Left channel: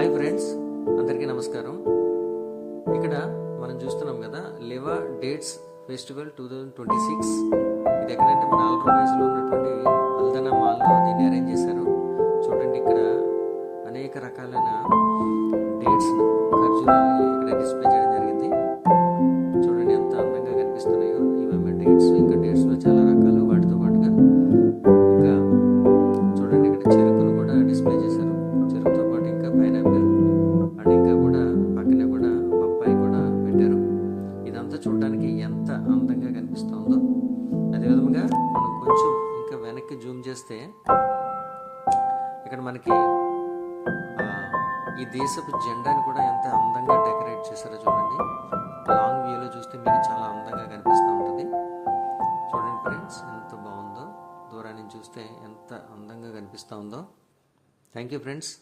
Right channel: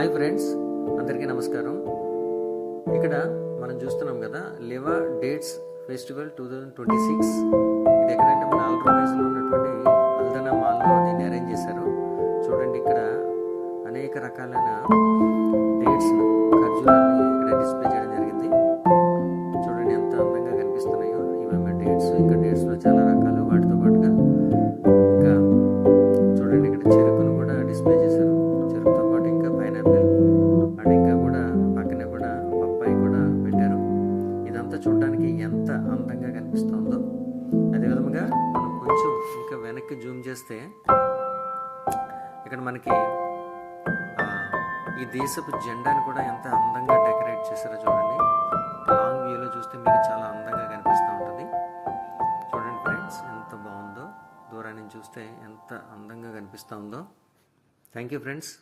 Hi friends, అందరికీ నమస్కారం. ఇక్కడ మనం చూస్తున్నాం కదా, లివా డేట్స్ ఫెస్టివల్ 2026. ఇది ఎక్కడంటే మన ఆల్ట్రోవైజ్లో ఉన్నటువంటి అల్దనా మాల్లో దీన్ని అరేంజ్ చేశారు. చూడండి, ఇక్కడ అనేక రకాలైన డేట్స్ను, ఖర్జూరాలని ఇక్కడ డిస్ప్లే చేయడం జరిగింది. చూడండి ఎంత అందంగా కనిపిస్తున్నాయో. ఇవేమో డేట్స్, ఇంకా డేట్స్లో చాలా రకాలు. వాటితో పాటుగా ఇంకా చూడండి, ఇక్కడ చెరుకును కూడా డిస్ప్లే చేశారు. చెరుకుతో పాటు ఇంకా పైనాపిల్ అండ్ ఇంకా కూడా పక్కనే కూడా బొప్పాయి కూడా పెట్టారు. ఇదంతా చూడడానికి ఎంత అందంగా కనిపిస్తుందో. అదేవిధంగా మనం కొంచెం ఇంకా వెనక్కి జూమ్ చేస్తే ఇక్కడ మనకి ఈ దేశపు జెండాని కూడా ఎంత అందంగా డెకరేట్ చేశారో చూడండి. లాంగ్ వ్యూలో చూస్తే మీకు చాలా అందంగా కనిపిస్తూ ఉంటుంది. చూడండి ఫ్రెండ్స్, ఎంత బాగుందో. దూరాన్ని చూస్తే ఎంత అందంగా కనిపిస్తూ ఉందో. Thank you friends.